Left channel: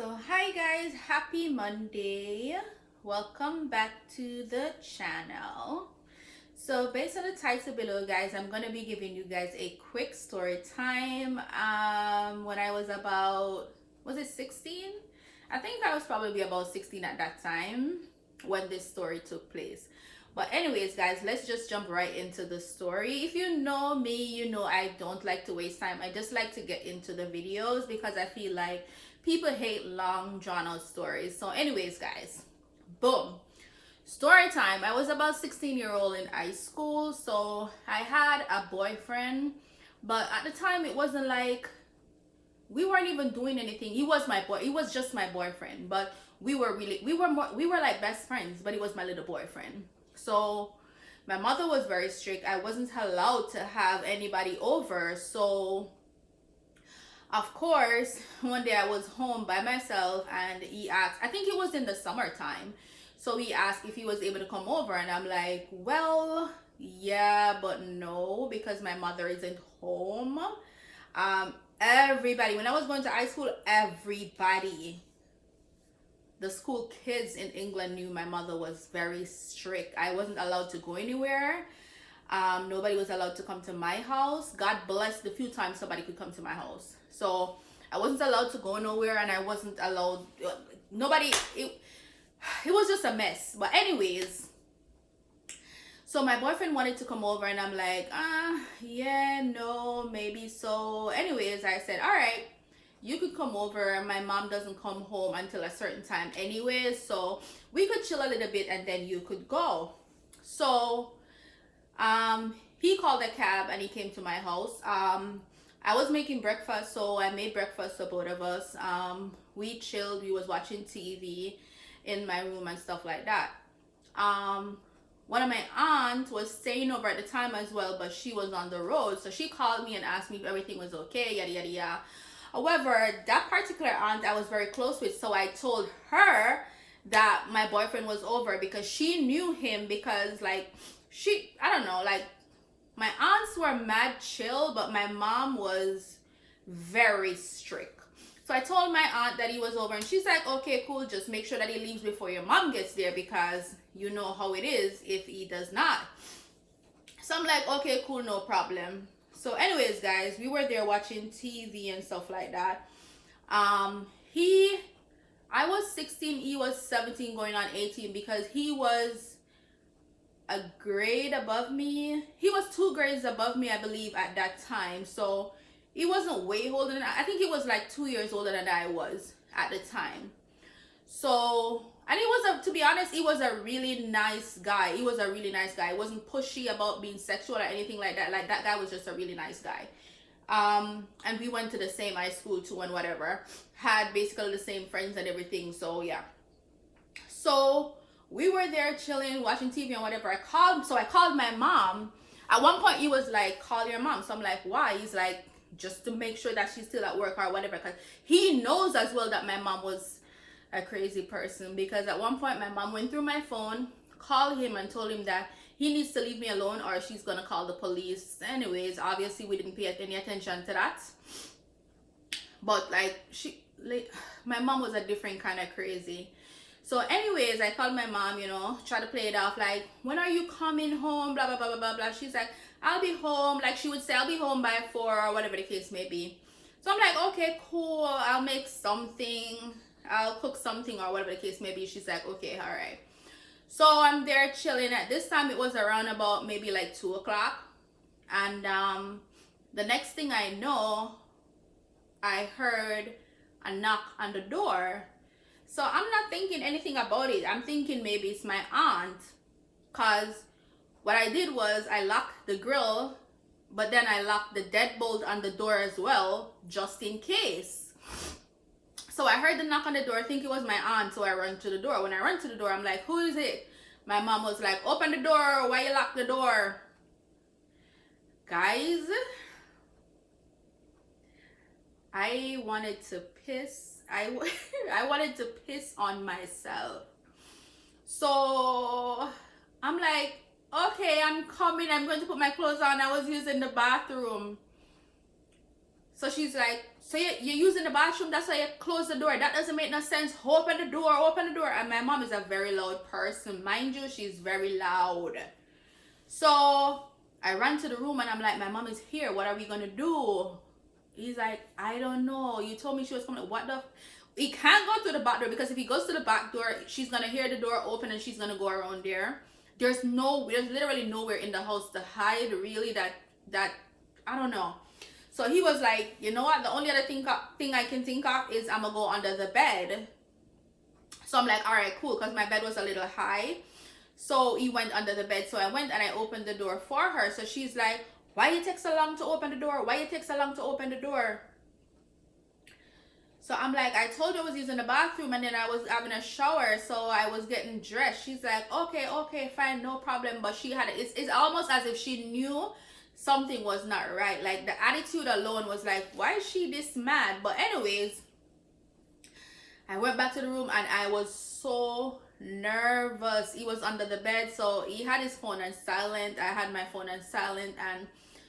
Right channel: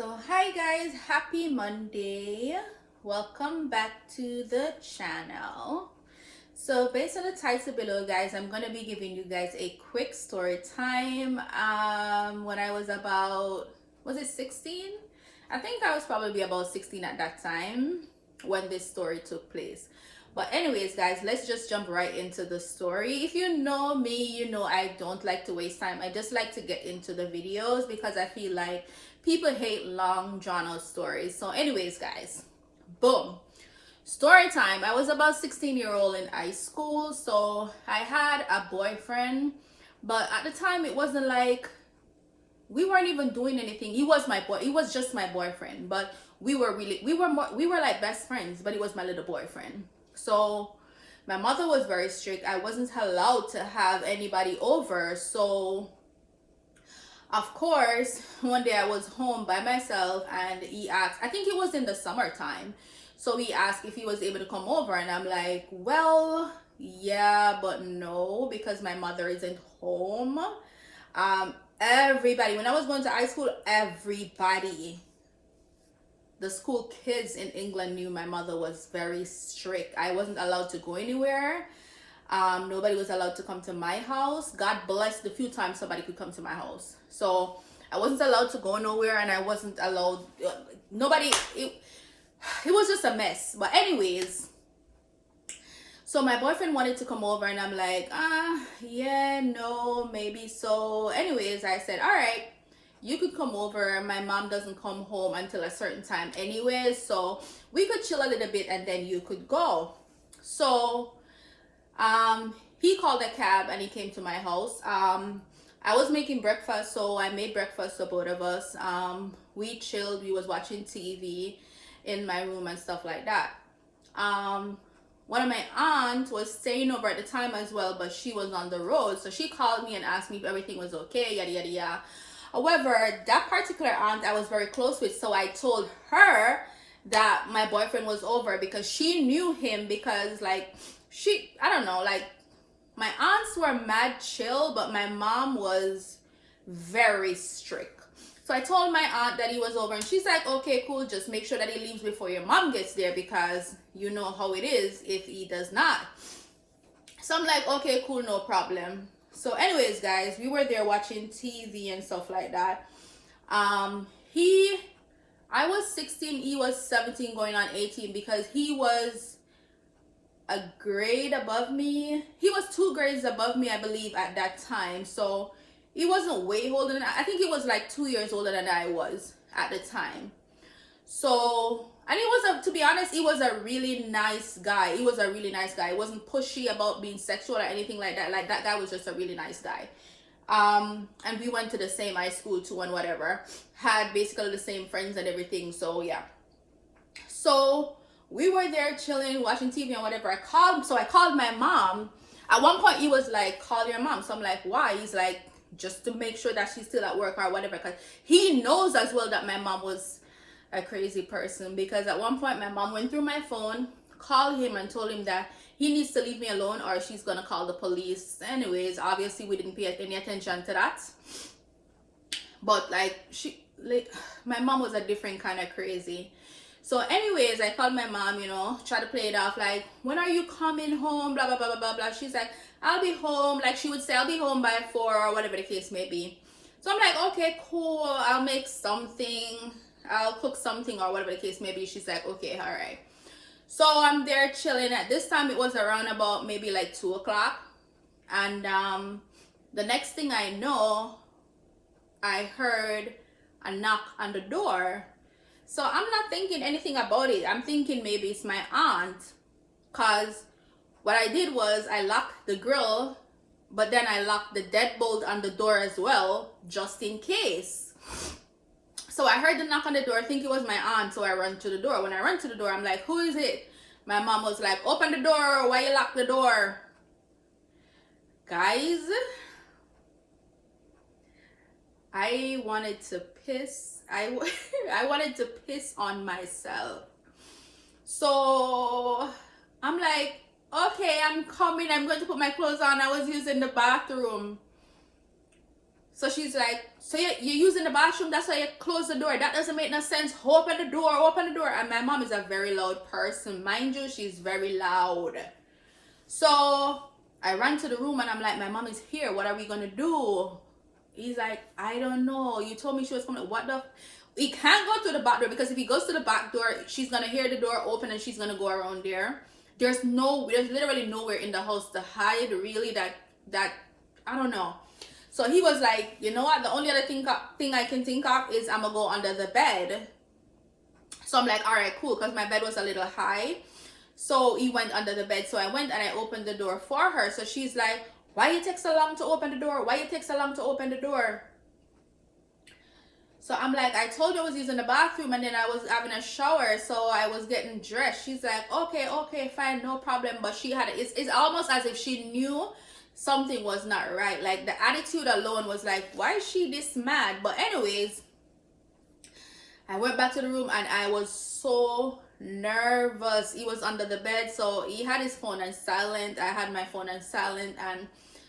So, hi guys, happy Monday. Welcome back to the channel. So, based on the title below, guys, I'm going to be giving you guys a quick story time. When I was about, was it 16? I think I was probably about 16 at that time when this story took place. But anyways, guys, let's just jump right into the story. If you know me, you know I don't like to waste time. I just like to get into the videos because I feel like people hate long drawn out stories. So anyways, guys, boom. Story time. I was about 16-year-old in high school, so I had a boyfriend, but at the time it wasn't like we weren't even doing anything. He was my boy. He was just my boyfriend, but we were like best friends, but he was my little boyfriend. So my mother was very strict. I wasn't allowed to have anybody over. So of course, one day I was home by myself and he asked, I think it was in the summertime. So he asked if he was able to come over, and I'm like, well, yeah, but no, because my mother isn't home. Everybody, when I was going to high school, everybody, the school kids in England knew my mother was very strict. I wasn't allowed to go anywhere. Nobody was allowed to come to my house. God bless the few times somebody could come to my house. So I wasn't allowed to go nowhere, and I wasn't allowed. Nobody. It was just a mess. But anyways, so my boyfriend wanted to come over, and I'm like, yeah, no, maybe so. Anyways, I said, all right, you could come over. My mom doesn't come home until a certain time anyways, so we could chill a little bit and then you could go. So he called a cab and he came to my house. I was making breakfast, so I made breakfast for both of us. We chilled. We was watching TV in my room and stuff like that. One of my aunts was staying over at the time as well, but she was on the road, so she called me and asked me if everything was okay, yada yada yada. However, that particular aunt I was very close with, so I told her that my boyfriend was over because she knew him, because like I don't know, like my aunts were mad chill, but my mom was very strict. So I told my aunt that he was over, and she's like, okay, cool, just make sure that he leaves before your mom gets there, because you know how it is if he does not. So I'm like, okay, cool, no problem. So anyways, guys, we were there watching TV and stuff like that. I was 16, he was 17 going on 18, because he was a grade above me. He was 2 grades above me, I believe, at that time. So he wasn't way older than I think he was like 2 years older than I was at the time. So, and he was to be honest, he was a really nice guy. He was a really nice guy. He wasn't pushy about being sexual or anything like that. Like, that guy was just a really nice guy. And we went to the same high school too and whatever. Had basically the same friends and everything. So yeah. So we were there chilling, watching TV and whatever. I called my mom. At one point he was like, call your mom. So I'm like, why? He's like, just to make sure that she's still at work or whatever. Because he knows as well that my mom was a crazy person, because at one point my mom went through my phone, called him and told him that he needs to leave me alone or she's gonna call the police. Anyways, obviously we didn't pay any attention to that, but like my mom was a different kind of crazy. So anyways, I called my mom, try to play it off like, when are you coming home, blah blah blah blah blah blah. She's like, I'll be home, like she would say, I'll be home by 4 or whatever the case may be. So I'm like, okay, cool, I'll make something, I'll cook something or whatever the case may be. She's like, okay, all right. So I'm there chilling. At this time it was around about maybe like 2 o'clock, and the next thing I know, I heard a knock on the door. So I'm not thinking anything about it. I'm thinking maybe it's my aunt, because what I did was I locked the grill, but then I locked the deadbolt on the door as well, just in case. So I heard the knock on the door, I think it was my aunt, so I run to the door. When I run to the door, I'm like, who is it? My mom was like, open the door, why you lock the door? Guys, I wanted to piss. I wanted to piss on myself. So I'm like, okay, I'm coming. I'm going to put my clothes on. I was using the bathroom. So she's like, so you're using the bathroom, that's why you close the door. That doesn't make no sense. Open the door, open the door. And my mom is a very loud person. Mind you, she's very loud. So I ran to the room and I'm like, my mom is here. What are we going to do? He's like, I don't know. You told me she was coming. What the? He can't go through the back door because if he goes to the back door, she's going to hear the door open and she's going to go around there. There's literally nowhere in the house to hide, really, that I don't know. So he was like, you know what? The only other thing I can think of is I'm going to go under the bed. So I'm like, all right, cool, because my bed was a little high. So he went under the bed. So I went and I opened the door for her. So she's like, why you take so long to open the door? Why you take so long to open the door? So I'm like, I told you I was using the bathroom and then I was having a shower. So I was getting dressed. She's like, okay, fine, no problem. But she had, it's almost as if she knew something was not right. Like the attitude alone was like, why is she this mad? But anyways, I went back to the room and I was so nervous. He was under the bed, so he had his phone on silent. I had my phone on silent, and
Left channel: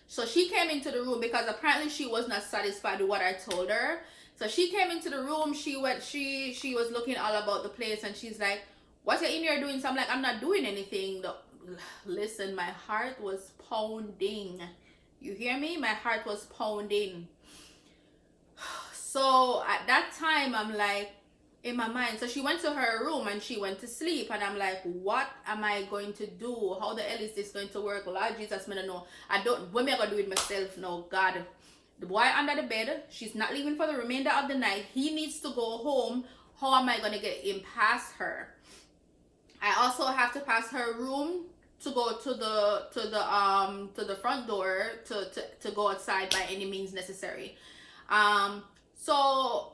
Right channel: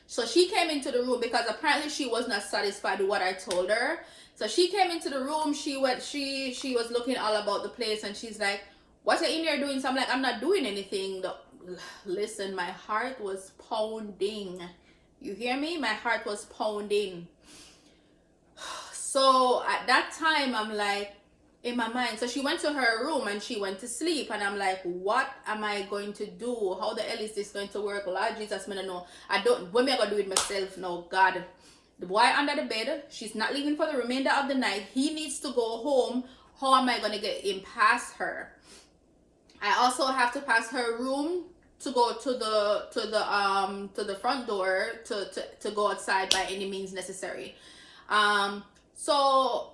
so she came into the room because apparently she was not satisfied with what I told her. So she came into the room. She was looking all about the place, and she's like, what you in here doing? So I'm like, I'm not doing anything. Listen, my heart was pounding. You hear me? My heart was pounding. So at that time, I'm like, in my mind, so she went to her room and she went to sleep, and I'm like, what am I going to do? How the hell is this going to work? Lord Jesus, I don't know. What am I gonna do it myself? No, God. The boy under the bed, she's not leaving for the remainder of the night. He needs to go home. How am I gonna get him past her? I also have to pass her room to go to the front door to go outside by any means necessary. So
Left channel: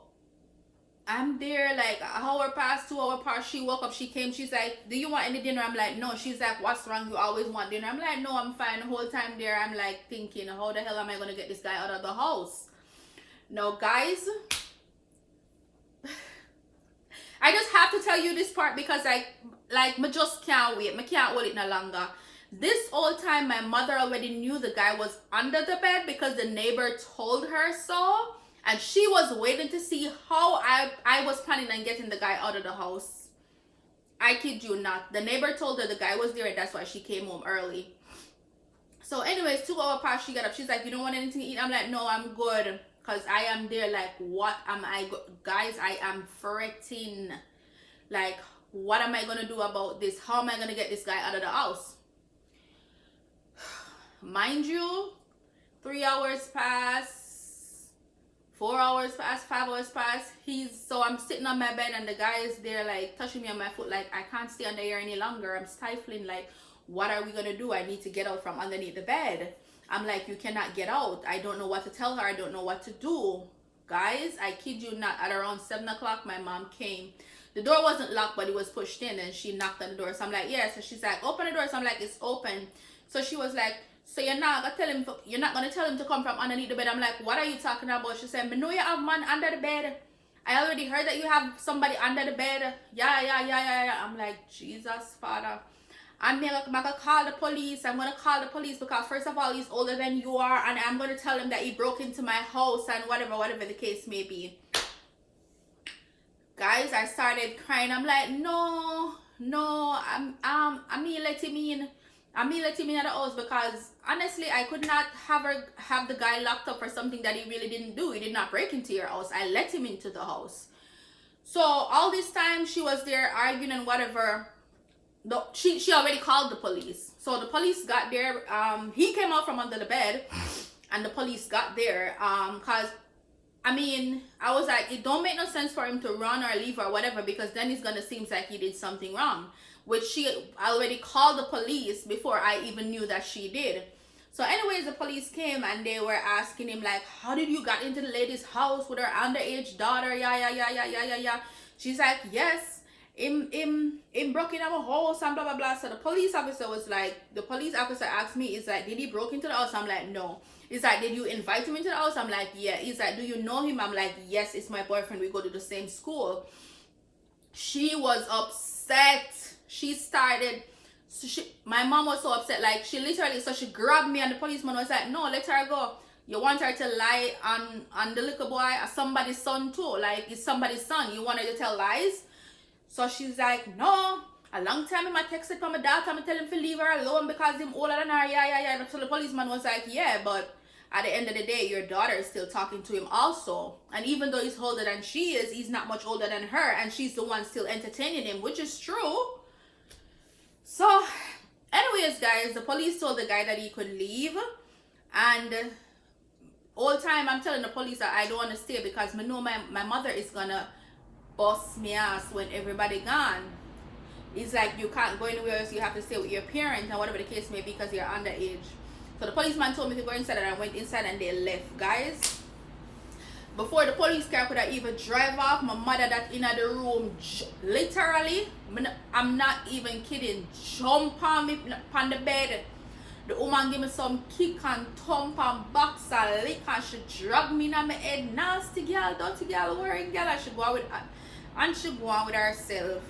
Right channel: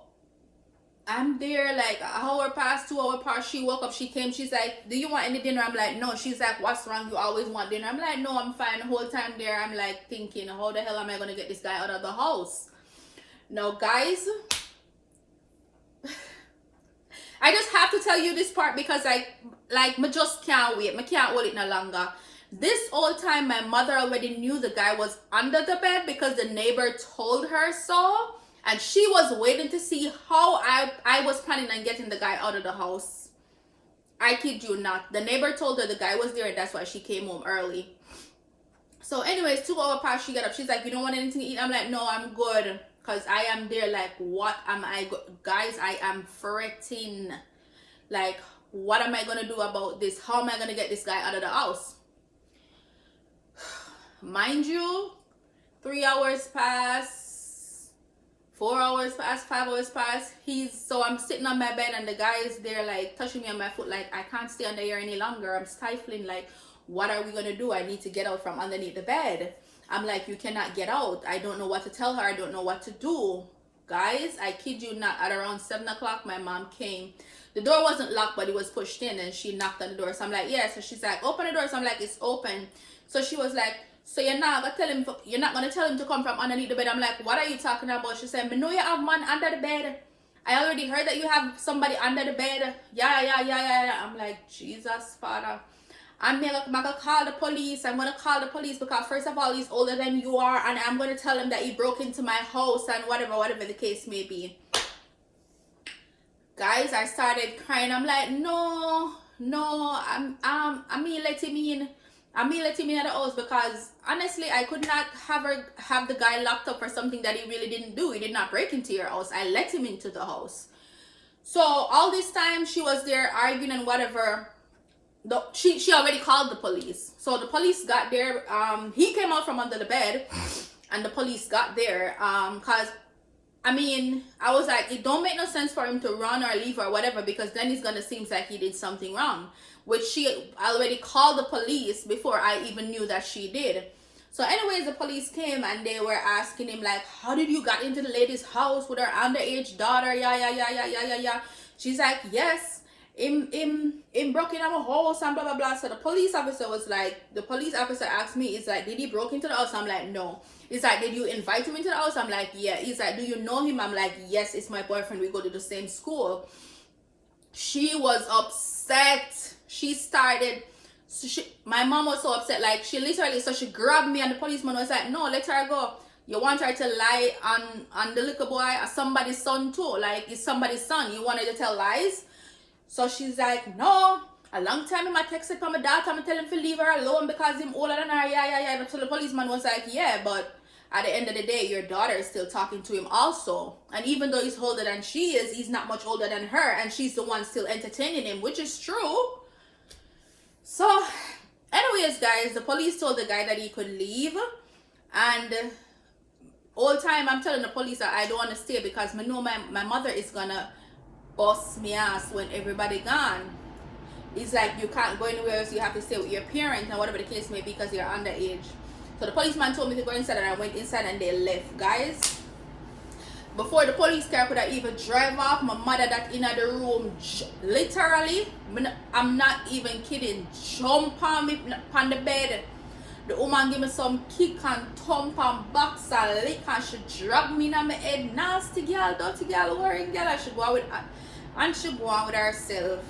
I'm there like an hour past, 2 hours past. She woke up, she came, she's like, do you want any dinner? I'm like, no. She's like, what's wrong? You always want dinner. I'm like, no, I'm fine. The whole time there, I'm like thinking, how the hell am I going to get this guy out of the house? Now, guys, I just have to tell you this part because like me just can't wait. Me can't hold it no longer. This whole time, my mother already knew the guy was under the bed because the neighbor told her so. And she was waiting to see how I was planning on getting the guy out of the house. I kid you not. The neighbor told her the guy was there, and that's why she came home early. So anyways, 2 hours past, she got up. She's like, you don't want anything to eat? I'm like, no, I'm good. Because I am there like, what am I... Guys, I am fretting. Like, what am I going to do about this? How am I going to get this guy out of the house? Mind you, 3 hours pass. 4 hours pass, 5 hours pass. So I'm sitting on my bed and the guy is there like touching me on my foot like I can't stay under here any longer. I'm stifling like, what are we gonna do? I need to get out from underneath the bed. I'm like, you cannot get out. I don't know what to tell her. I don't know what to do. Guys, I kid you not, at around 7 o'clock my mom came. The door wasn't locked but it was pushed in and she knocked on the door. So I'm like, yeah. So she's like, open the door. So I'm like, it's open. So she was like, so you're not gonna tell him to come from underneath the bed. I'm like, what are you talking about? She said, me know you have man under the bed. I already heard that you have somebody under the bed. Yeah. I'm like, Jesus, Father. I'm gonna call the police. I'm gonna call the police because first of all, he's older than you are, and I'm gonna tell him that he broke into my house and whatever the case may be. Guys, I started crying. I'm like, no, I mean let him in. I mean let him in at the house because honestly I could not have the guy locked up for something that he really didn't do. He did not break into your house. I let him into the house. So all this time she was there arguing and whatever. She already called the police. So the police got there. He came out from under the bed and the police got there. Cause I mean, I was like, it don't make no sense for him to run or leave or whatever because then it's gonna seem like he did something wrong. Which she already called the police before I even knew that she did. So anyways, the police came and they were asking him like, how did you get into the lady's house with her underage daughter? Yeah. She's like, yes, him broke into our house and blah, blah, blah. So the police officer asked me, is like, did he broke into the house? I'm like, no. He's like, did you invite him into the house? I'm like, yeah. He's like, do you know him? I'm like, yes, it's my boyfriend. We go to the same school. She was upset. She started, my mom was so upset, like she literally, so she grabbed me and the policeman was like, no, let her go. You want her to lie on the little boy or somebody's son too. Like, it's somebody's son. You want her to tell lies? So she's like, no. A long time I texted from my daughter. I'm telling him to leave her alone because him older than her. Yeah. So the policeman was like, yeah, but at the end of the day, your daughter is still talking to him also. And even though he's older than she is, he's not much older than her. And she's the one still entertaining him, which is true. So, anyways, guys, the police told the guy that he could leave. And all time I'm telling the police that I don't want to stay because I know my mother is going to bust me ass when everybody gone. It's like you can't go anywhere else. You have to stay with your parents and whatever the case may be because you're underage. So the policeman told me to go inside and I went inside and they left. Guys, before the police car could have even drive off, my mother that in the room, literally, I'm not even kidding, jump on me on the bed. The woman give me some kick and thump and box and lick and she drag me in my head. Nasty girl, dirty girl, worrying girl. And she go on with herself.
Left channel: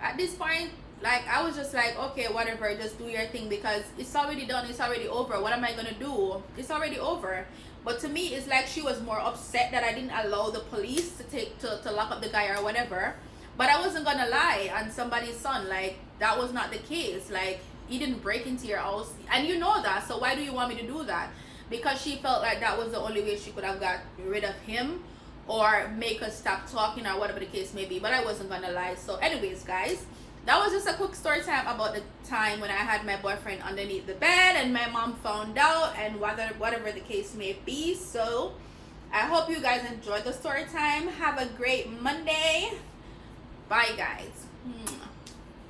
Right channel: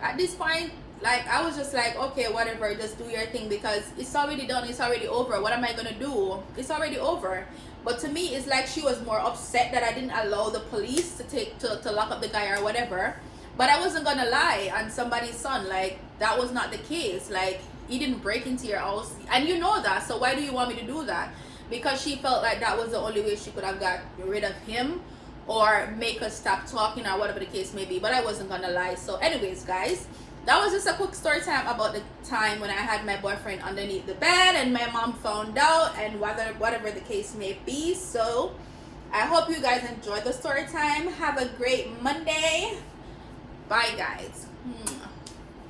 At this point, like, I was just like, okay, whatever, just do your thing because it's already done, it's already over. What am I gonna do? It's already over. But to me, it's like she was more upset that I didn't allow the police to lock up the guy or whatever. But I wasn't gonna lie on somebody's son. Like, that was not the case. Like, he didn't break into your house, and you know that. So why do you want me to do that? Because she felt like that was the only way she could have got rid of him or make us stop talking or whatever the case may be. But I wasn't gonna lie. So anyways, guys, that was just a quick story time about the time when I had my boyfriend underneath the bed and my mom found out and whatever the case may be. So I hope you guys enjoyed the story time. Have a great Monday. Bye, guys.